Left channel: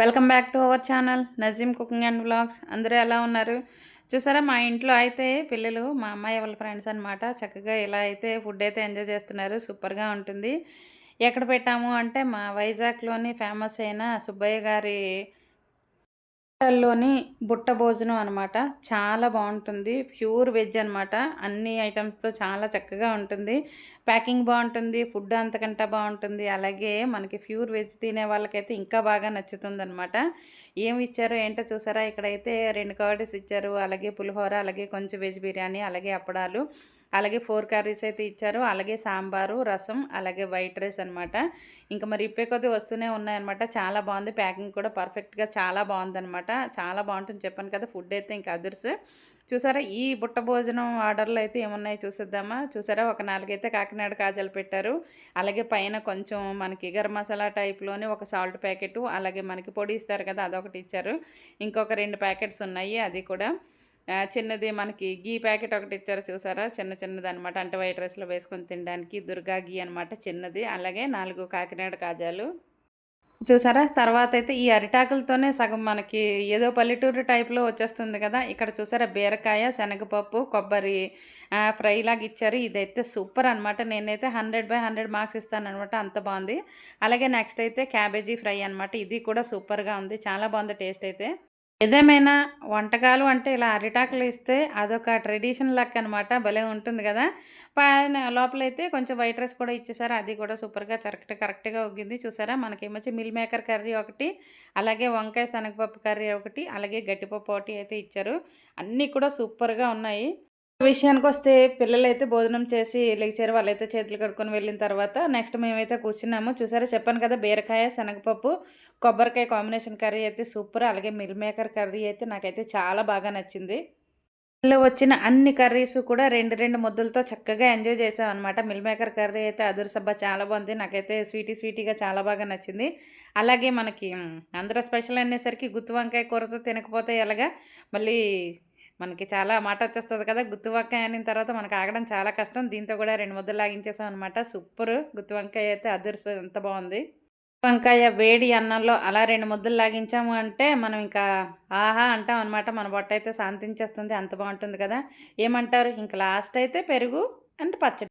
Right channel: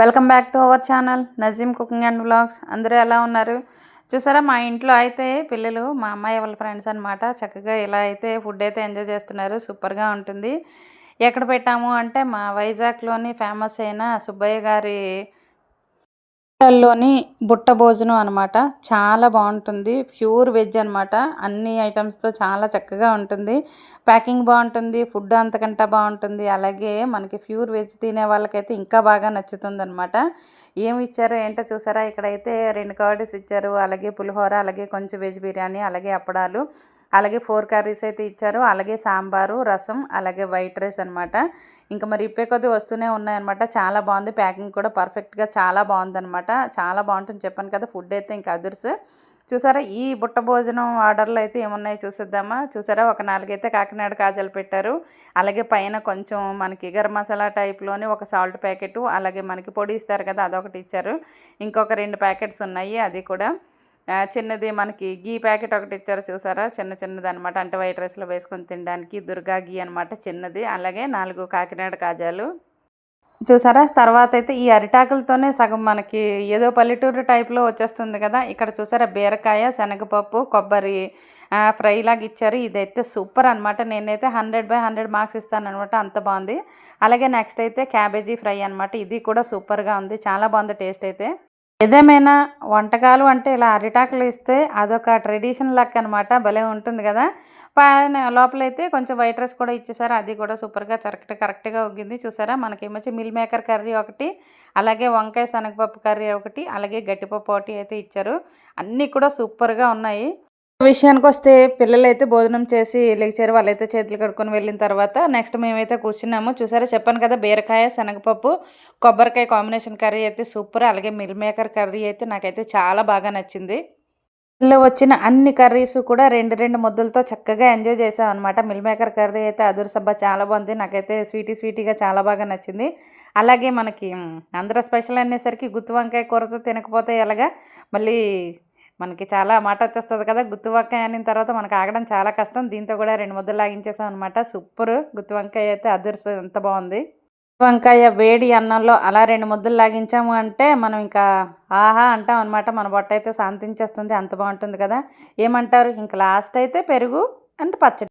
Welcome back to our channel Nazeem cooking and blogs అందరూ ఎలా ఉన్నారు? చూసారా మా ఇంట్లో అయితే పిల్లలు మా అమ్మాయి వాళ్ళ ఫ్రెండ్స్ అనమాట చక్కగా ఇలా అయితే ఫుడ్ అయితే ఎంజాయ్ చేస్తున్నారు. సూపర్గా ఉంటుంది. ఎక్కడ పెట్టాము అంటే మా వైజాగ్లోని ఫేమస్ అయిన సుబ్బయ్య గారి హోటల్లోని బుట్ట భోజనం అనమాట చాలా బాగుంటుంది. ప్యూర్ వెజ్ అనమాట అన్ని ఐటమ్స్తో చాలా చక్కగా ఉంటుంది. ప్యాకింగ్ బాగుంటుంది. ఫుడ్ అంతకంటే బాగుంటుంది. అలాగే మనకి ప్యూర్ వెజ్ తినే వాళ్ళకైతే ఇంకా బాగా నచ్చుతుంది అనమాట ఏమి ఇచ్చారో ఏంటో చూసారా? ఇక్కడైతే రెండు కర్రీస్ ఇచ్చారు. అలాగే పులిహోర అలాగే కొంచెం వెజ్ బిర్యానీ అలాగే అప్పడాలు. అలాగే ఫోర్ కర్రీస్ అయితే ఇచ్చారు. అలాగే సాంబారు రసం అలాగే వైట్ రైస్ అనమాట ఇంకా మరి ఇప్పే కొద్ది వస్తూనే ఉన్నాయన్నమాట. చాలా బాగుంది. ప్యాకింగ్ కూడా పర్ఫెక్ట్గా చాలా బాగుందన్నమాట. చాలా బాగుంటుంది. చెప్పాను కదా ఫుడ్ అయితే ఇంకా అదుర్స్. చూసారా ఈ బుట్ట భోజనం ఆర్డర్లు అయితే ఏమున్నాయో చూసేద్దామా? చూసారా ఒక నాలుగైతే కాకినాడ కాజలు పెట్టారు. అలాగే పైన కొంచెం మనకి గరం మసాలా టైప్లోని ఒక సాల్ట్ ప్యాకెట్ అలాగే మనకి పొడి ఇస్తారు కదా అదొకటి ఇచ్చారు. ఇంకొక రెండు ప్యాకెట్స్ ఉన్నాయి అది కూడా. చిన్నది మనకి గీ ప్యాకెట్ ఒకటి ఇచ్చారు చూసారా? చిన్న చిన్నది అనమాట అంటే వైట్ రైస్లో వేసుకొని తినడానికి దుర్గా గీ అనమాట చిన్నది. అలాగే నాలుగు కాకినాడ కాజాలు. చూసారా? తర్వాత అయితే ఈ అరిటాకులతోనే సగం మనకి ఏదో పల్లెటూరు టైప్లో వచ్చేస్తుంది కదా? ఇక్కడ చూసారా? బీరకాయ శనగపప్పు కొబ్బరి ఫ్రై లాగా ఇచ్చారు. ఇదైతే సూపర్ అనమాట నేనైతే హండ్రెడ్ బై హండ్రెడ్ మార్క్స్ ఇస్తాను అనమాట అంత బాగుంది. అలాగే నెక్స్ట్ అయితే క్యాబేజీ ఫ్రై అనమాట ఇది కూడా సూపర్గా ఉంది. చాలా బాగుంది టేస్ట్ అయితే. ఏదేమైనా వంటకాలు అంటే ఇలా అరిటాకులు ఇస్తే అదొక ట్రెడిషన్ లెక్క అనమాట భలే ఉంటుంది కదా. పైన లోపలైతే కొంచెం వైట్ రైస్ కూడా ఇచ్చేసారు. అది కూడా సూపర్గా కరెక్ట్ కరెక్ట్గా ఉగ్గింది. చూసారా? మనకేమొచ్చి మిల్ మేకర్ కర్రీ ఒకటి అలాగే వంకాయ శనగపప్పు కర్రీ ఒకటి అలాగే గట్టిపప్పు ఒకటి అయితే ఇచ్చారు. అన్నీ కూడా సూపర్గా ఉన్నాయి. విషయానికి వస్తే పిల్లలైతే భోజనం చేసి లెక్చర్ వాళ్ళైతే చేతులు కడుక్కొని వెళ్ళిన తర్వాత నెక్స్ట్ మేమైతే కూర్చున్నాము. చూసారా? చెప్పాను కదా బీరకాయ శనగపప్పు కొబ్బరికాయ కాంబినేషన్ కర్రీ అయితే సూపర్. అలాగే మిల్ మేకర్ కర్రీ అయితే నాకైతే చాలా బాగా నచ్చింది. ఇందులో వచ్చిన అన్ని కర్రీస్ కూడా రెండు రెండు ముద్దలతో చక్కగా ఎంజాయ్ చేసాం అనమాట మిల్ మేకర్ కర్రీ అయితే అదురు సబ్బా చాలా బాగుంది. నాకైతే స్వీటీ స్వీటీగా చాలా బాగా నచ్చింది. అలాగే మనకి ఆంధ్ర స్పెషల్ అనేసరికి గుత్తి వంకాయ కూరతో తినకపోతే ఎలాగా? మళ్ళీ మనకి చాలా మాట వచ్చేస్తుంది కదా గుత్తి వంకాయ అనిన తర్వాత మనకు ఆగడం చాలా కష్టం. దీంతో కూడా రెండు ముద్దలు లాగించేసాం అనమాట సూపర్. గుత్తి వంకాయ అయితే అదుర్స్ ఎంత బాగుంది. వంకాయ వేడి అన్నంలో అలా రెండు ముద్దలు లాగించాము అంటే మనం ఇంకా ఆహా అంటాం అనమాట మన బొట్ట అయితే శాంతించేస్తుంది అంత బాగుంటుంది కదా. ఏమంటారు? ఇంకా లాస్ట్ అయితే పెరుగు అండ్ పచ్చడి.